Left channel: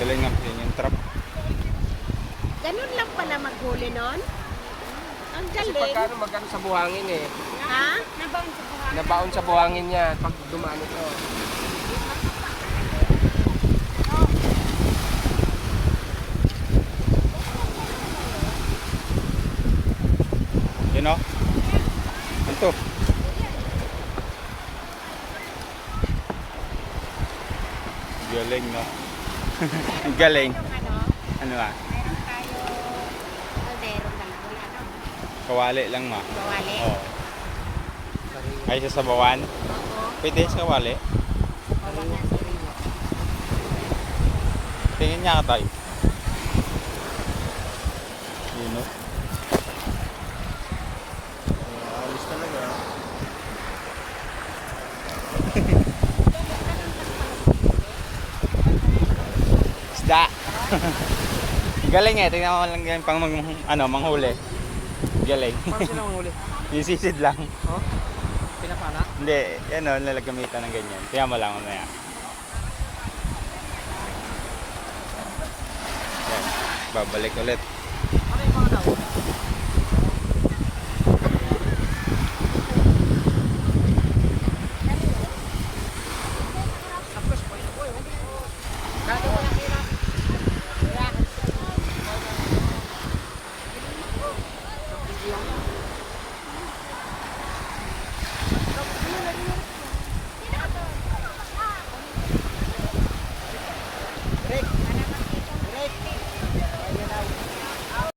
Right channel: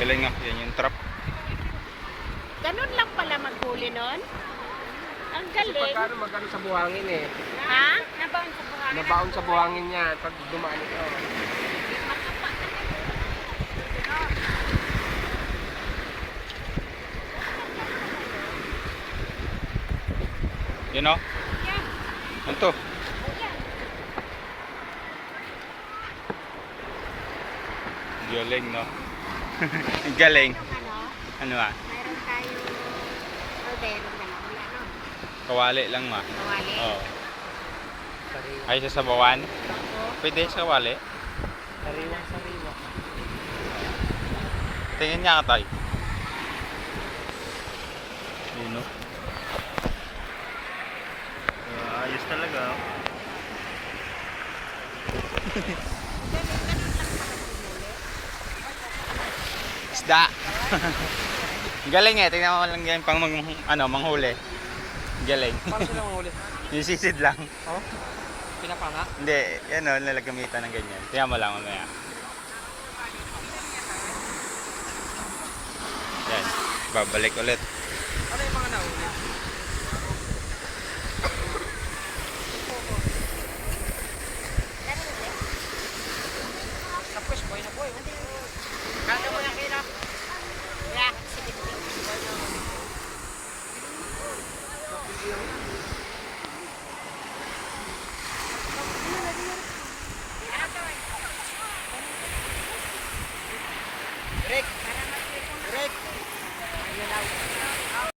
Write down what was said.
Galing nga, yan yung trap. Ganun lang pala maghuli nun? Ang Kasi galing. pagkano magkano sa buhangin eh. Ha? Nabaon sa buhay. Nabaon sa buhangin niya pag dumaan ito. Yun o. Ano to? Galing, no? Galing. Ano? Ano ah? Mayroon tayo kaldero ba na? Wala no? Kawali lang ma. Bawali. Oo. Ay, sa sabawan? Oo. Pwede sa kawali. Bawal na sa ringo. Tingnan niya ka tayo. Yun o. Ayos talaga. Isda. Galing eh. Tingnan mo lang yan pang manghuli. Galing. Paano silang huli? Yung sisid lang. Oh? Pinapala? Hindi, ano, nalagamitan ng ganyan. Tingnan mo lang mamaya. Yan. Babalik ulit. Ano yung mga nahuli? Tapos boy na boy. Dati mo lang kailangan. Wala kang sige. Break! Break!